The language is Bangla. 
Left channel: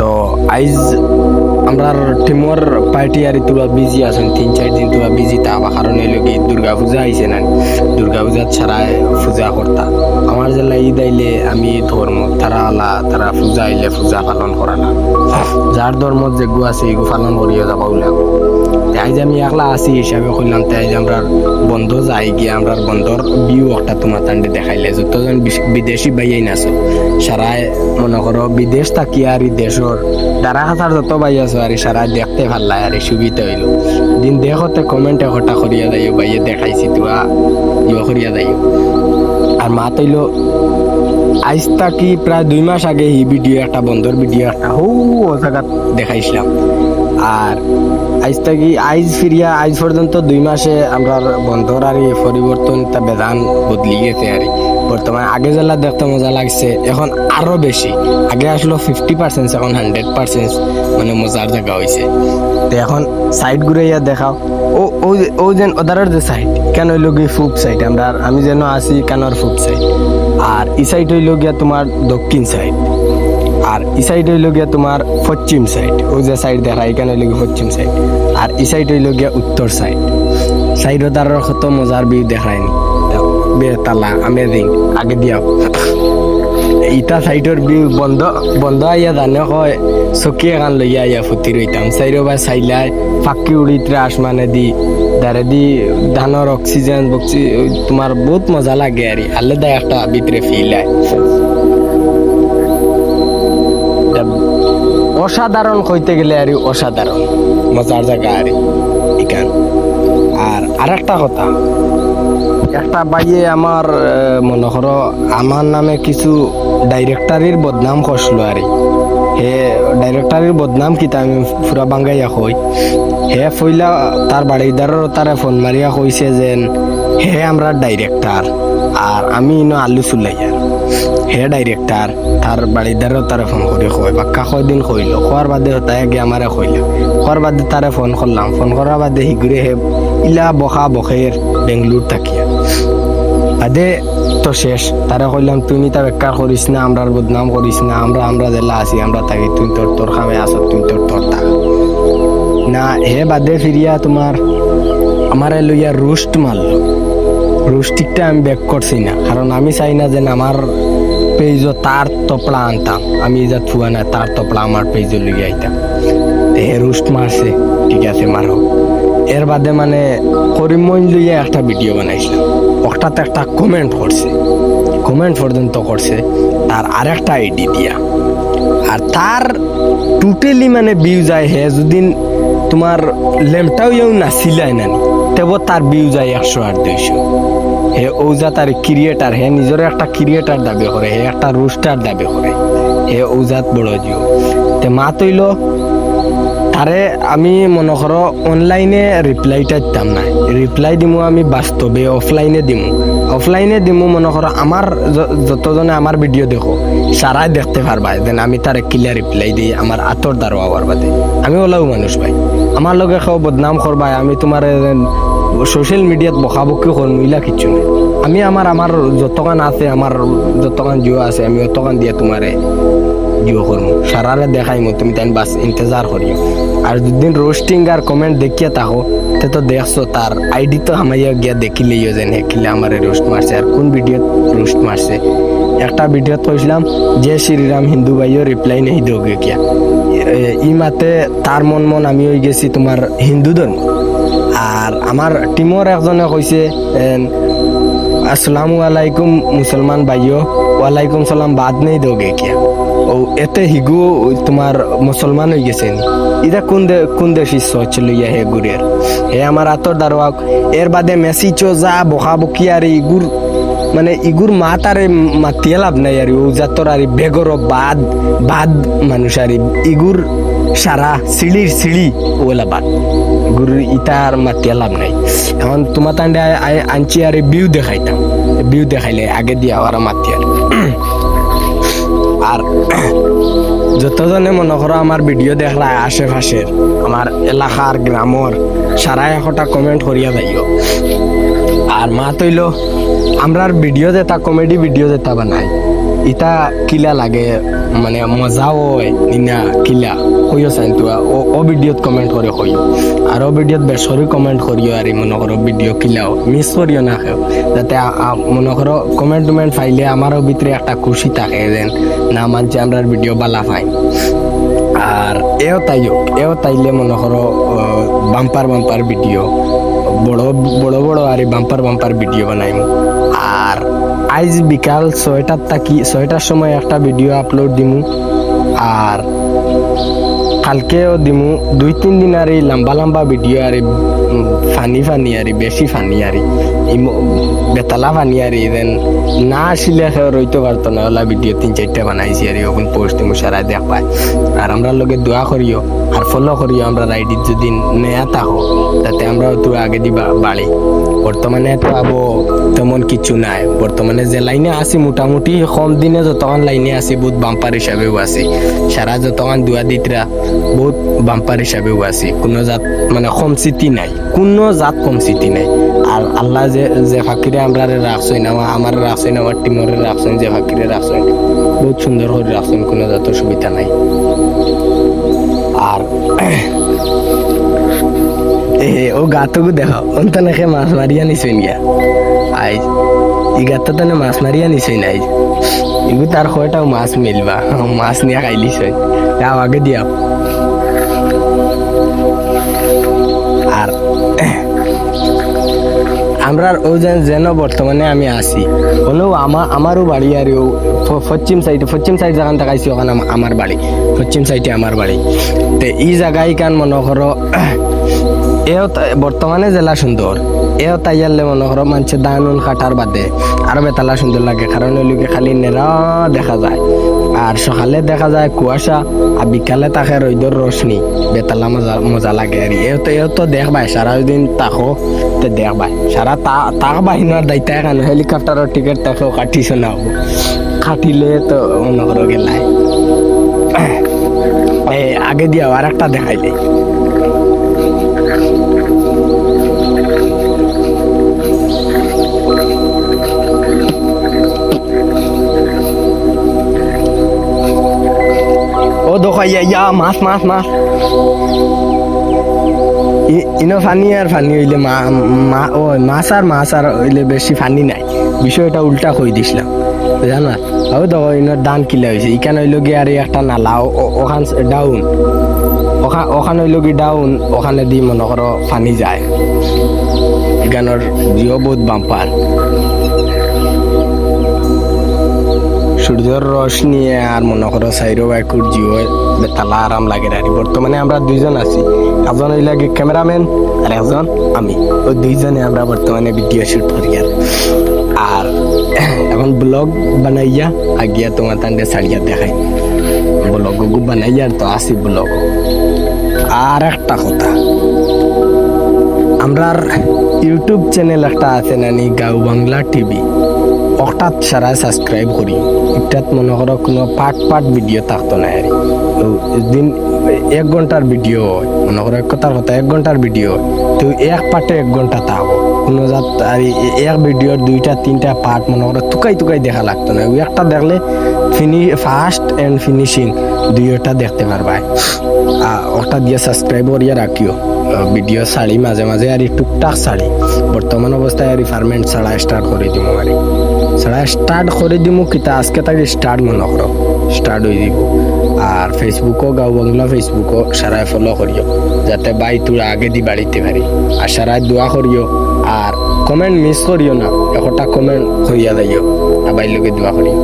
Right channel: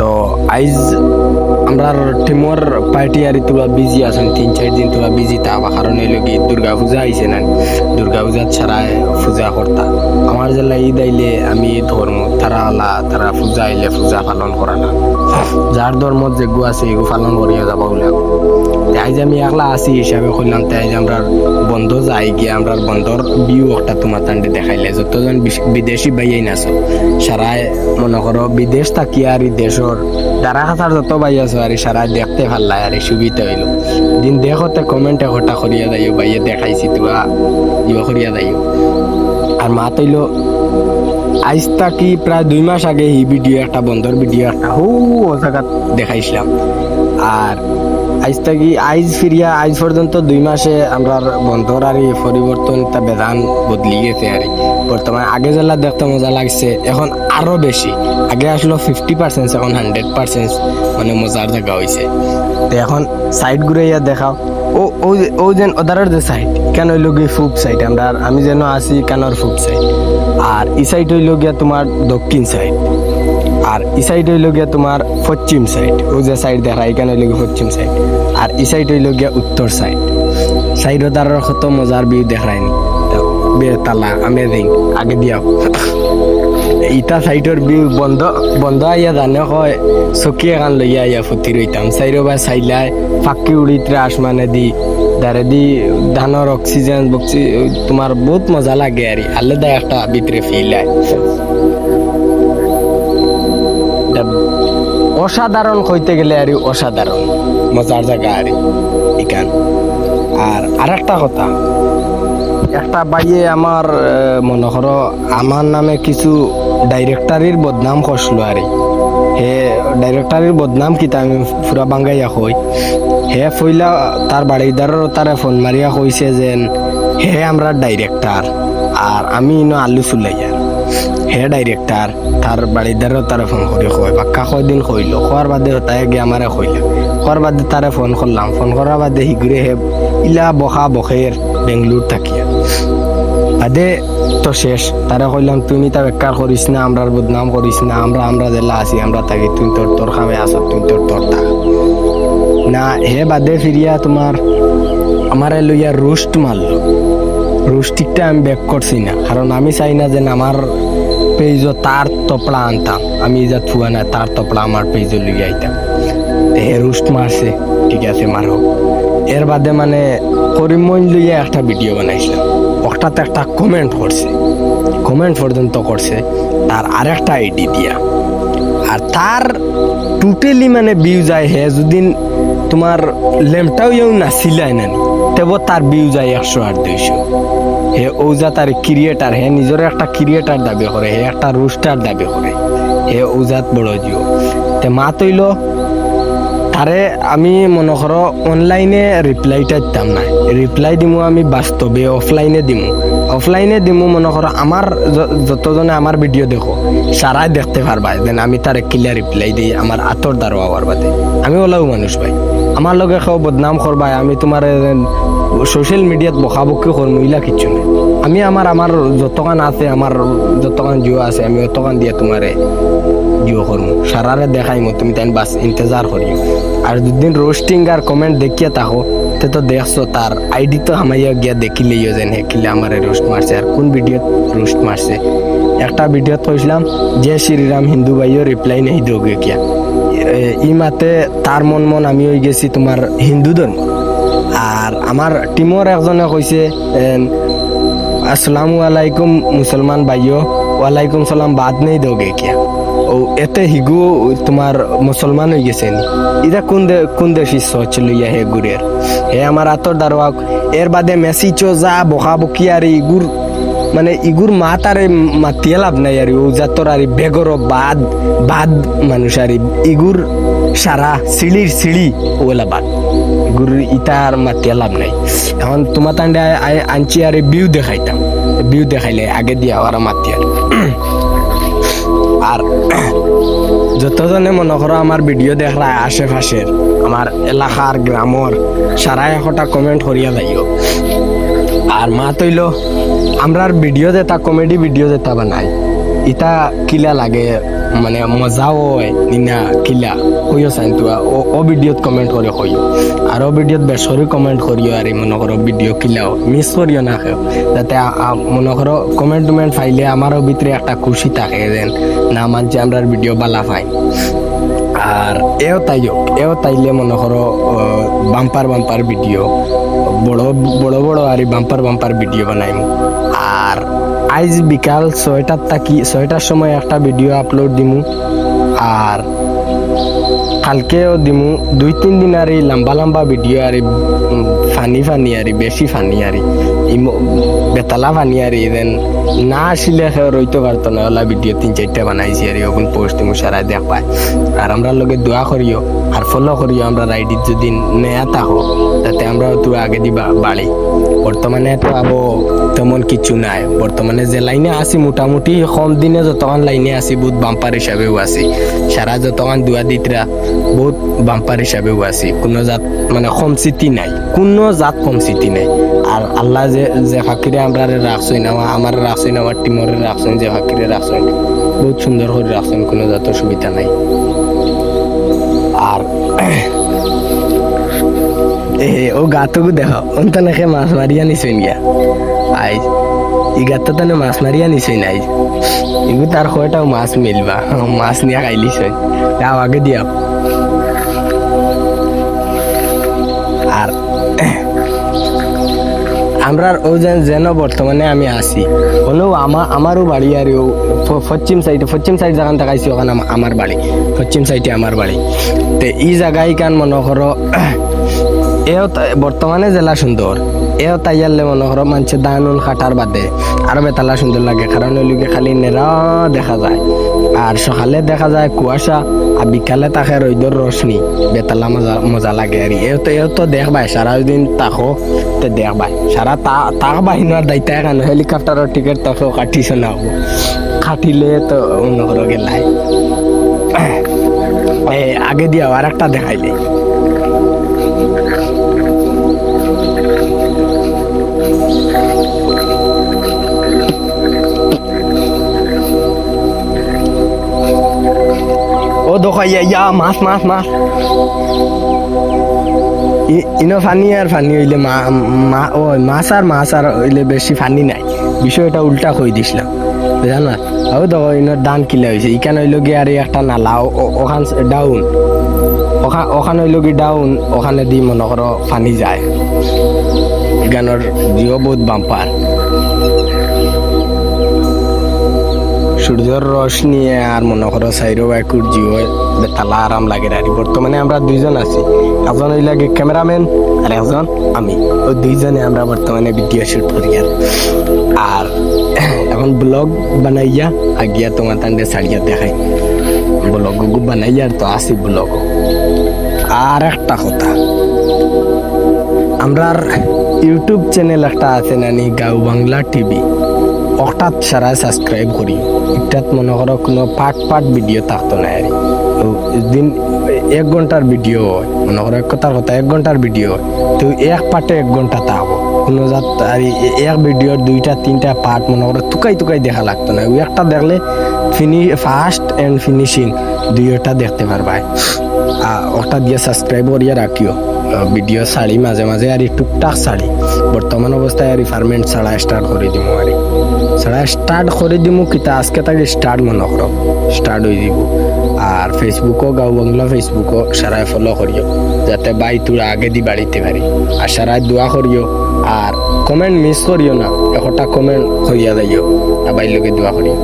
তো আইজ আমরার টিমর পার্টি আর তোরা বিজি আছেন 3-4 দিন তোরা বিজি থাকবা কারণ হইল কি দুর্গা পূজা আইছে না দুর্গা পূজা ছাড়া পূজা করতা আমার জেলা ঈদ আইলে আমি ধর্ম তারা পূজা আইলে পূজা পালন করা না যার ধর্ম যেগু আছে এগু পালন করিয়া যাবা উলাম আইজ আমি একলা আছি হিসাবে কইলাম তাই আইজ আমরা বন্ধ যাই গিয়ে আমরা বন্ধর বিউ একটা তোমার তান্ডে দেখাইলে যতজন বিদেশি বাইয়াই নাছো সারায় মনে করো বিদেশ থাকি আর দেশের দ্বারা খাতার যত বাই আছো আর সারা দেখতে ভাল লাগে আর সুবিধা হইল দিন দেখতে কমেন্টে ঘটা করিয়া যাইও বাইয়ে দেখাইছি তুয়া ইয়ে করিয়া যাইও আর মা তৈল আইজ থাকি প্রায় 2 মাস আগে এই ভিডিও একটা বন্ধর ভিডিও একটা ও জায়গা দেখাইছিলাম আর আইজ থাকি আইজ ফিরিয়া আইজ পর্যন্ত 2 মাসে আমরা বন্ধর আর পরিবর্তন তা বেদান বদলি গেছে আর বর্তমানে আগে জেলা দেখতে মজা লাগছে এখন আরো বেশি আগে আসলো 50% এখন 100% মানে মজার জায়গা হয়েছে তো এখন সাইড ঘুরাইয়া দেখাও ও যেন ওদারের যে সাইড কেন হইল গিয়ে ফুপ সাইড আমি যেন আসি কানোর ফুপ সাইড আর ই সাইড হইল গিয়া তোমার দক্ষিণ সাইড আর ই সাইড হইল গিয়া তোমার পশ্চিম সাইড ও যে সাইড দেখা এখানে হইল গিয়ে পশ্চিম সাইড আর ই সাইড হইল গিয়া উত্তর সাইড সাইড ওদারের কত মজার ভিউ দেখায়নি বেতালা আমেজিং আগে দিয়াও ইটা সাইডর ভিউ বন্ধ আইয়া জানে হয় চকী এখন লইয়া আইয়া ফুটি রইতাম চাইরো বা চাইলাই ফাঁকি উড়িতরা আসমানে দি দারে দি ধানের অক্সিজেন বক্সি তোমার বহুত মজা লাগে আর আলাদা একটা ভিতরে ফিল হয় অসাধারণ কইতে গেলে আর অসাধারণ মজার জায়গা আর এখান আর একটা কথা একটা বাইয়ে আমার মনে করো আমার নামে কিছু ডাইরেক্টরির বদনাম করছিল আর হে ডাইরেক্টরির বদনাম কিতা আমি পুরা বাঙ্গাইয়া কই হে ফইলা তার বাড়িদারের তারে ফোন মারিয়া কইছে যে হে আমরা ডাইরেক্টর আর আমি ইনো আলু চুলাইয়ার হে ডাইরেক্টর তার বাড়িদারের তারে ফোন করে কয় বাক্কা কয়দিন কইল খোয়ার বাদে তাই গিয়ে আমারে কইলা খোয়ার বাদে তারে ফোন করলাম ফোন করার বাদে হিগুরে হে ইলা বখা বখের বেঙ্গলোর থাকিয়া আদে তো শেষ তারা কইলাম তুমি তা বেকার করিস না আমরার বদনাম করিস না আমরা জেলা আছি আমরা থাকি তুই তোর খামে আসো তুই তোর থাক না হে বাদে ফিরিয়া তোমার আমারে লইয়া রোস্ট মারলো রোস্টিকটা আমি ব্যাক করছি না কারণ আমি চাই না যে আমার পেজও তার তপড়া আনতাম আমি যা থুয়া না তার তপড়া আমার পেজও লইয়া আইতাম হে রোস্ট মারছে ঠিক আছে মারো এর বাদে মানে করিমইন লইয়া একটা ভিডিও বানাইছিলাম ওটাতে একটা কমেন্ট পর্যন্ত করছে তার আরেকটা আইডি দিয়া আর তার টোটালি মানে ভিউ যায় হে যদি তোমার লেমটাও ইউ নাছিলাই নানি তেও তার ভিউ যায় 100 আর 200 হে ওজা তার ক্রিয়েটার হে নিজের একটা ক্রিয়েটার দাবি করে হে একটা রোস্টার দাবি করে হে ওজাত বড় জিও তে মা তৈল তারে আমি মনে করো অনলাইনে রিপ্লাইটা দিতাম না রিপ্লাই দিমু আমি বাস্তবে অফলাইনে দিমু মনে করো আমার যতজনে আমার ভিডিও দেখো সারাই দেখতে পারবা যেন আমি তারে ক্লিয়ার রিপ্লাই দিই আমার আতর দ্বারা হওয়ার বাদে আমি ওলাও মানুষ ভাই আমার লগে খাও বদনাম করবাই আমি তোমার সোশ্যাল মিডিয়াত বকাবকি করমু ইলা কিচ্ছু নেই আমি আমার যতখান আছে আমার যতখান জিও আছে আমি অতখান দিয়ে তোমারে জিও করমু সারারে দেখাইমু তুমি তাই বাস ইন্তজার করিও আর দুদিন রোস্টিং আর কমেন্ট দেখিয়া থাকো তে তো দেখছো তার আইডি তো আমাইয়া গিয়া দেখিলেইও যেন হেকিলে আমারে রোস্ট মারছে আর কোন ভিডিওত রোস্ট মারছে একটা ভিডিওত কইছিলাম যে শ্রীরাম হিন্দু ভাইও রিপ্লাই নেই দোগে কিয়া ই মাতে তার মন আমি হয়ে গেছি তোমার হিন্দু ধর্ম আর আমার টিমর একজনে কইছে আসসালামু আলাইকুম মুসলমান ভাইও ওয়ালাইকুম সালাম বাদ নেই দোগে কিয়া ও এতে হিগু তোমার মুসলমান হয়ে গেছে নি ইটা কোন দেশি সোচ লইয়া হে গুরের হে আমার আতর দারোয়াক এর বাদে মেসিচো যা বকি আর ইগুর মাত আর মাতিয়া লাভ নাই আর ও জাতর আর বেগর বাদ মানুষ আর ইগুর সারা সিঁড়ি ওলা বাদ ইগুর ইটা আর মাতিয়া লাভ নাই এখন তোমার তান্ডে আনছি আর বিউ দেখাইলে আগে দিয়া আর মাতিয়ার আর যতজনে মনে করো আমার ভিডিও দেখলা আশেপাশের আমার এলাকার গ্রামর সারা একটা কমেন্ট করিয়া যাইও আর মা তৈল আমরার ভিডিও যেটা কমেডি ভিডিও যেটা বানাই ইটা কিলা লাগে মানে মজা হয় নিনা কিলা কইও চাইন তো ও ভিডিওত কমেন্ট করে কইও আর ও ভিডিওত বেসরি কমেন্ট করিও আর মনে করো ভিডিও কিলাও মিস করিও না খেও যাতে মনে করো কমেন্ট টুমেন্ট ফাইলে আমারও ভিতরে একটা খুশি থাকে যেন না মানছে আমরা ভিডিও বালা পাই আর এও তাইলে মনে করো বাম্পার ভিডিও বড় বড় আর বাম্পার ভিডিও বানাইম আর আজ বিকাল 6টার সময় একটা ভিডিও আপলোড দিমু আর কালকেও দিমু 2-3 দিন আর লম্বা ভিডিও আর ফানি আর বেশি ফানি আর বেতালা ফানি আর দেন না আসলে রইতে পারতো না ওলা ভিডিও 3-4টা বানাইছি আর ওগুন পোস্ট দিমু সারা দেখ পায় আর আমরা লগে দোয়া করিও আর ফলো করিও আমরা রাইডির যদি নেয়া থাকো যাতে আমরা তো আগে দিবা বাড়ি বর্তমানে তো আবো তেমন কিছু নাই বর্তমানে যে লাইনে আছি মোটামুটি কম দিনে যতক্ষণ লাইনে আছি বহুত বাম্পার হিসাবেও আছি সারা যতক্ষণ দুয়া দিতরা বহুত বাম্পার হিসাবেও আছি কোনো জাত মানে কম স্মৃতি নাই আর আল্লাহ যে ফাঁকিরে আমরা রাখছেন আমার রাখছেন আমার টিমরে রাখছেন যে ফাঁকিরে রাখছেন বহুত সুন্দর করে রাখছেন কোনো জাত সুবিধা নাই আর ও গাতকু দেখো অন্ত নাকি মাছ মারিয়া নিছেন গিয়া আই ই গাত তানে মাছ মারিয়া নিছেন আই ইগু তার কয়টাও মাছ মিলবা মাছ নিয়ে খাইলিছেন যাও আগে দিয়া আর আমরা ও যেন বর্তমানে আমি আছি হলেও আমারও বাড়ি আর পশ্চিম সাইড যেখান দেখাইছি ওখানে আমার বাড়ি পশ্চিম সাইডে আমার বাড়ি তো এই জায়গায় কান মনে করো এও বর্তমানে জেলা সুন্দর এও তাইয়ারলে মনে করো মানুষের দানুন কাটার বাদে আরো বেতালা সুন্দর লাগে কারণ ওই লোকে খালি নেরা দেখা যায় আর সকালে দেখা যায় কুয়াশা আর বিকালে তাকে রোদর রোশনি বেতালা মজা লাগে আর এও তো দেখবাই সারা দিন তাকো তো দেখবাই সারা তাক বাহিনীর দায়িত্ব কেন হেলিকপ্টারের টিকিট তাকেও কাটিছ না হবো কাটিলে তো মনে করো গেলাই আগে দিয়াও আর একটা দেখাইলে ও দেখো ইয়া মাছ ইনো ফানি হইলে মাছ আর হইলে বেশি ফানি নাই বিষয়টা উল্টা কই দিছিলাম জানা ও দেখো ইনোর দান কিলা হয়েছে ইখান হইল গিয়ে আর একটা নালা ওখান ডাউন ওখানে হইল কি ডাউন ওখানে দি মনে করো ফানি যায় এখানোর জিও বহুত বাম্পার সূর্যের রস নিয়ে আর মনে করো সাইরো বাইকুর জিও বেতালা আরাম লাগে আর বর্তমানে আমরা দুইজন আছি একজন হইল কি ক্যামেরাম্যান আর একজন আমি ওই দুইজনে আমরা বর্তমানে ভিডিও শুট করি আর এখন ব্লগ বানাইয়া আগিয়া তোমার তান্ডে ছাড়িয়া দেখাই ব্লগ বানাইয়া তো আসি ব্লগ আর একটা কথা আমরার ইউটিউব চ্যানেল একটা আছে নানি গাঁও বাংলা টিভি ওটাত সারা সাবস্ক্রাইব করি এটাত মনে করো কোনো পার্ট ভিডিও থাকতো না আর দিন 1 ঘন্টার ভিডিও হয় মনে করো এক কথার কথা 1 ঘন্টার ভিডিও হয় তো এক পার্টে 1 ঘন্টা থাকবো কোনো জাত আর এক ভিডিওর 2-3টা পার্ট মনে করো টুকাই দেখা লাগতো না ওই একটা দেখলে ফার্স্ট এন্ড ফিনিশিং দুইটা দেখতে পারবা ওটা দিয়ে সাবস্ক্রাইব করিয়া রাখিও ভিডিও ছাড়ি মাঝে মাঝে আর টুকটাক ছাড়ি বর্তমান অবস্থায় আর ফার্মেন্ট ছাড়া স্টার্ট করে দিমু আর স্টার্ট করে দিমু কিতা আজকে তাকে স্টার্ট মনে করো স্টার্ট হয়ে দিব আর ফেসবুকও গাঁও বাংলা ফেসবুকও সারাই ফলো করিও যাতে বাই তোর আগে দি বাড়িতে পারি আর সারাই দোয়া করিও আর কমেন্ট মিস করিও না একটা কমেন্ট করিয়া যাইও আর বাইর লোকে দোয়া করিও